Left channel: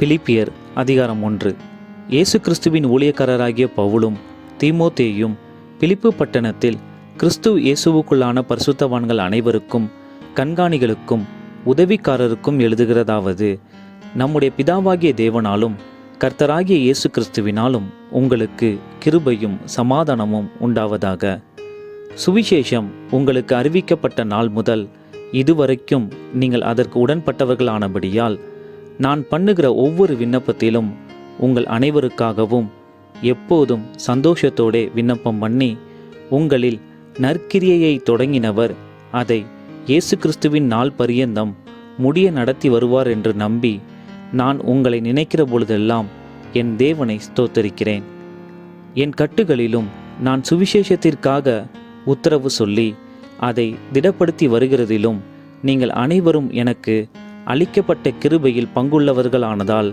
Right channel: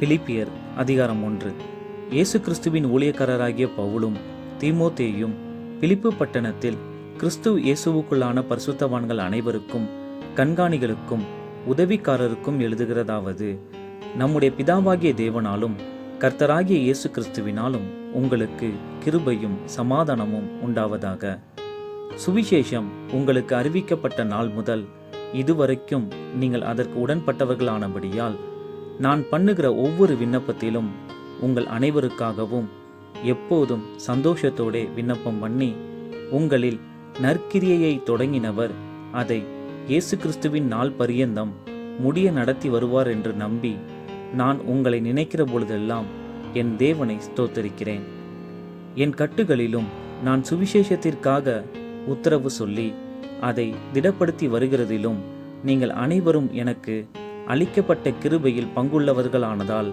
பிலிப்பியர் அதிகாரம் 1. இயேசு கிறிஸ்துவின் ஊழியக்காரராகிய பவுலும் தீமோத்தேயும் பிலிப்பு பட்டணத்தில் கிறிஸ்து இயேசுவுக்குள்ளான பரிசுத்தவான்கள் அனைவருக்கும் கண்காணிகளுக்கும் உதவிக்காரருக்கும் எழுதுகிறதாவது, நம்முடைய பிதாவாகிய தேவனாலும் கர்த்தராகிய இயேசு கிறிஸ்துவினாலும் உங்களுக்கு கிருபையும் சமாதானமும் உண்டாவதாக. சுவிசேஷம் உங்களுக்கு அறிவிக்கப்பட்ட நாள் முதல் இதுவரைக்கும் நீங்கள் அதற்கு உடன்பட்டவர்களானபடியால் நான் பண்ணுகிற ஒவ்வொரு விண்ணப்பத்திலும் உங்கள் அனைவருக்காகவும் எப்போதும் சந்தோஷத்தோடே விண்ணப்பம் பண்ணி, உங்களில் நற்கிரியையை தொடங்கினவர் அதை இயேசு கிறிஸ்துவின் நாள் பரியந்தம் முடிய நடத்தி வருவார் என்று நம்பி, நான் உங்களை நினைக்கிற பொழுதெல்லாம் என் தேவனை ஸ்தோத்தரிக்கிறேன். என் கட்டுகளிலும் நான் சுவிசேஷத்திற்காக உத்தரவு சொல்லி அதை திடப்படுத்தி வருகிறதிலும் நீங்கள் அனைவரும் எனக்கு அளிக்கப்பட்ட கிருபையில் பங்குள்ளவர்களானதால்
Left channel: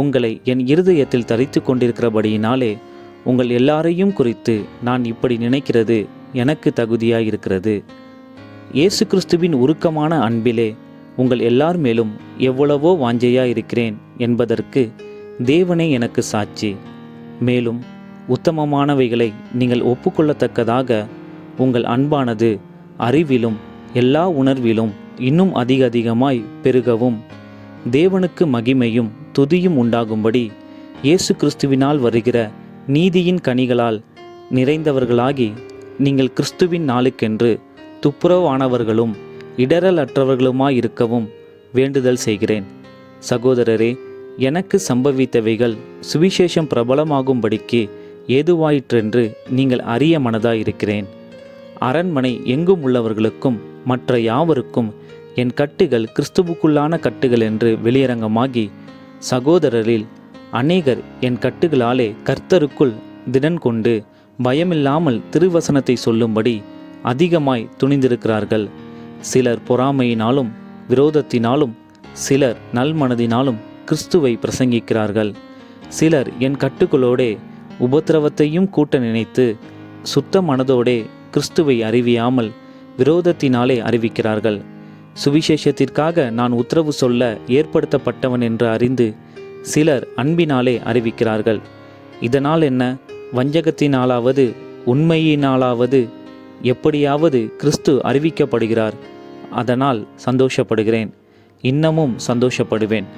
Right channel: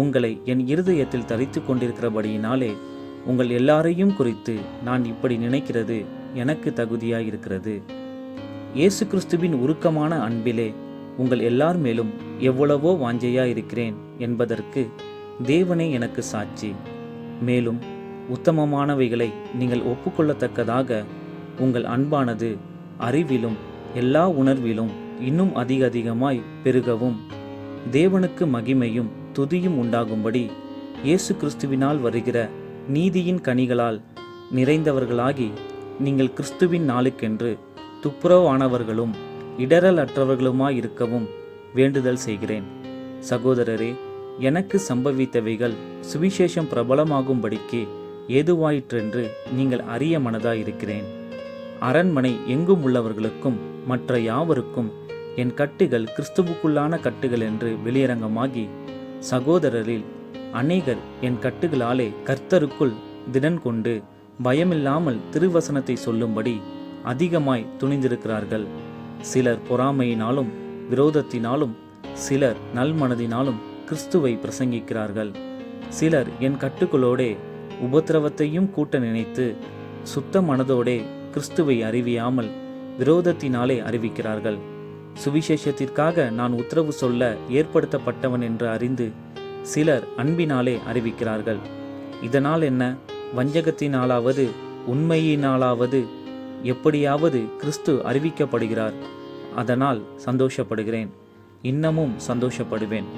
உங்களை என் இருதயத்தில் தரித்து கொண்டிருக்கிறபடியினாலே உங்கள் எல்லாரையும் குறித்து நான் இப்படி நினைக்கிறது எனக்கு தகுதியாயிருக்கிறது. இயேசு கிறிஸ்துவின் உருக்கமான அன்பிலே உங்கள் எல்லார் மேலும் எவ்வளவோ வாஞ்சையாயிருக்கிறேன் என்பதற்கு தேவனே எனக்கு சாட்சி. மேலும் உத்தமமானவைகளை நீங்கள் ஒப்புக்கொள்ளத்தக்கதாக உங்கள் அன்பானது அறிவிலும் எல்லா உணர்விலும் இன்னும் அதிகமாய் பெருகவும் தேவனுக்கு மகிமையும் துதியும் உண்டாகும்படி இயேசு கிறிஸ்துவினால் வருகிற நீதியின் கனிகளால் நிறைந்தவர்களாகி நீங்கள் கிறிஸ்துவின் நாளுக்கென்று துப்புரவானவர்களும் இடரலற்றவர்களுமாயிருக்கவும் வேண்டுதல் செய்கிறேன். சகோதரரே, எனக்கு சம்பவித்தவைகள் சுவிசேஷம் பிரபலமாகும்படிக்கு ஏதுவாயிற்றென்று நீங்கள் அறிய மனதாயிருக்கிறேன். அரண்மனை எங்கும் உள்ளவர்களுக்கும் மற்ற யாவருக்கும் என் கட்டுகள் கிறிஸ்துவுக்குள்ளான கட்டுகள் என்று வெளியரங்கமாகி, சகோதரரில் அநேகர் என் கட்டுகளாலே கர்த்தருக்குள் திடன் கொண்டு பயமில்லாமல் திருவசனத்தை சொல்லும்படி அதிகமாய் துணிந்திருக்கிறார்கள். சிலர் பொறாமையினாலும் விரோதத்தினாலும், சிலர் நல்மனதினாலும் கிறிஸ்துவை பிரசங்கிக்கிறார்கள். சிலர் என் கட்டுகளோடே உபத்திரவத்தையும் கூட்ட நினைத்து சுத்த மனதோடே கிறிஸ்துவை அறிவியாமல் விரோதத்தினாலே அறிவிக்கிறார்கள். சுவிசேஷத்திற்காக நான் உத்தரவு சொல்ல ஏற்படுத்தப்பட்டவன் என்று அறிந்து சிலர் அன்பினாலே அறிவிக்கிறார்கள். இதனால் என்ன? வஞ்சகத்தினாலாவது உண்மையினாலாவது எப்படியாவது கிறிஸ்து அறிவிக்கப்படுகிறார். அதனால் சந்தோஷப்படுகிறேன், இன்னமும் சந்தோஷப்படுவேன்.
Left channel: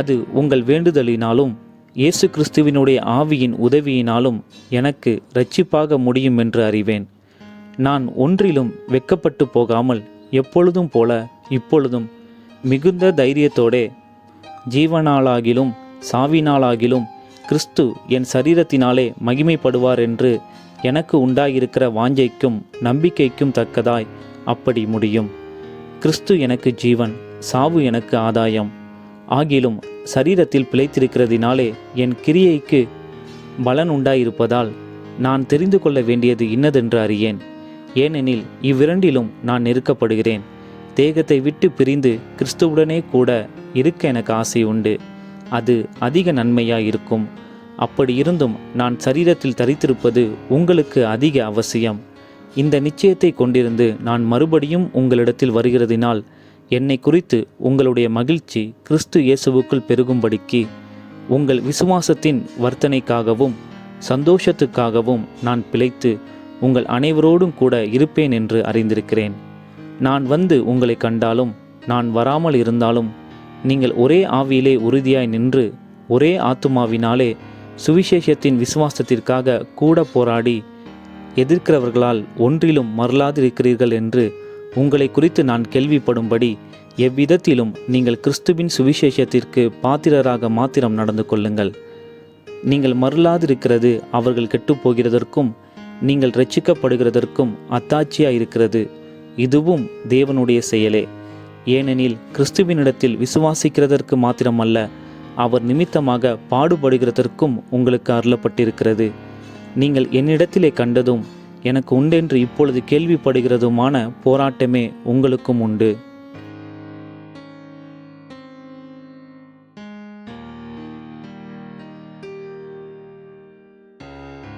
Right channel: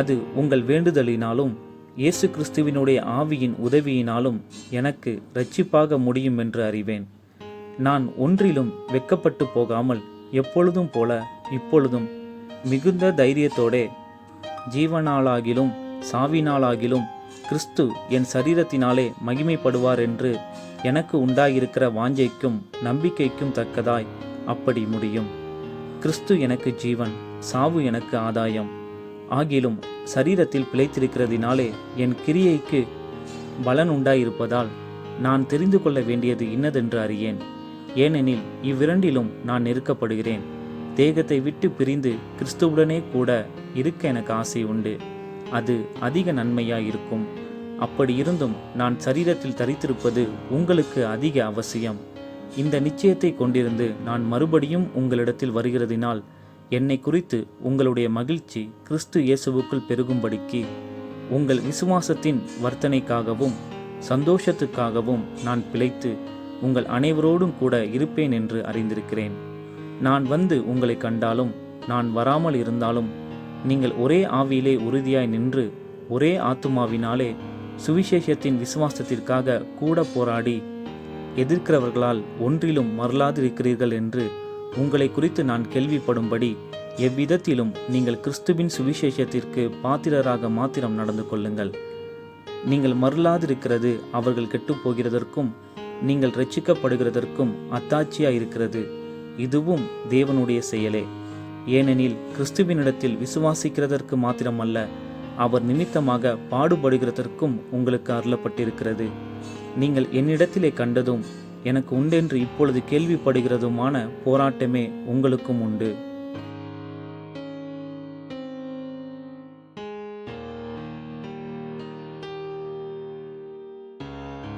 அது உங்கள் வேண்டுதலினாலும் இயேசு கிறிஸ்துவினுடைய ஆவியின் உதவியினாலும் எனக்கு இரட்சிப்பாக முடியும் என்று அறிவேன். நான் ஒன்றிலும் வெட்கப்பட்டு போகாமல் எப்பொழுதும் போல இப்பொழுதும் மிகுந்த தைரியத்தோடே ஜீவனாலாகிலும் சாவினாலாகிலும் கிறிஸ்து என் சரீரத்தினாலே மகிமைப்படுவார் என்று எனக்கு உண்டாயிருக்கிற வாஞ்சைக்கும் நம்பிக்கைக்கும் தக்கதாய் அப்படி முடியும். கிறிஸ்து எனக்கு ஜீவன், சாவு எனக்கு ஆதாயம். ஆகிலும் சரீரத்தில் பிழைத்திருக்கிறதினாலே என் கிரியைக்கு பலன் உண்டாயிருப்பதால் நான் தெரிந்து கொள்ள வேண்டியது இன்னதென்று அறியேன். ஏனெனில் இவ்விரண்டிலும் நான் நெருக்கப்படுகிறேன். தேகத்தை விட்டு பிரிந்து கிறிஸ்துவுடனே கூட இருக்க எனக்கு ஆசை உண்டு. அது அதிக நன்மையாயிருக்கும். அப்படி இருந்தும் நான் சரீரத்தில் தரித்திருப்பது உங்களுக்கு அதிக அவசியம். இந்த நிச்சயத்தை கொண்டிருந்து நான் மறுபடியும் உங்களிடத்தில் வருகிறதினால் என்னை குறித்து உங்களுடைய மகிழ்ச்சி கிறிஸ்து இயேசுவுக்குள் பெருகும்படிக்கு உங்கள் விசுவாசத்தின் வர்த்தனைக்காகவும் சந்தோஷத்துக்காகவும் நான் பிழைத்து உங்கள் அனைவரோடும் கூட இருப்பேன் என்று அறிந்திருக்கிறேன். நான் வந்து உங்களை கண்டாலும் நான் வராமல் இருந்தாலும் நீங்கள் ஒரே ஆவியிலே உறுதியாய் நின்று ஒரே ஆத்துமாவினாலே சுவிசேஷத்தின் விசுவாசத்திற்காக கூட போராடி எதிர்க்கிறவர்களால் ஒன்றிலும் மறலாதிருக்கிறீர்கள் என்று உங்களை குறித்து நான் கேள்விப்படும்படி எவ்விதத்திலும் நீங்கள் கிறிஸ்துவின் சுவிசேஷத்திற்கு பாத்திரராக மாத்திரம் நடந்து கொள்ளுங்கள். நீங்கள் மறலாதிருக்கிறது அவர்கள் கெட்டுப்போகிறதற்கும் நீங்கள் இரட்சிக்கப்படுகிறதற்கும் அத்தாட்சியாயிருக்கிறது. இதுவும் தேவனுடைய செயலே. ஏனெனில் கிறிஸ்துவினிடத்தில் விசுவாசிக்கிறதற்கு மாத்திரமல்ல, அவர் நிமித்தமாக பாடுபடுகிறதற்கும் உங்களுக்கு அருளப்பட்டிருக்கிறது. நீங்கள் என்னிடத்திலே கண்டதும் எனக்கு உண்டென்று இப்பொழுது கேள்விப்படுகிறதுமான போராட்டமே உங்களுக்கும் உண்டு.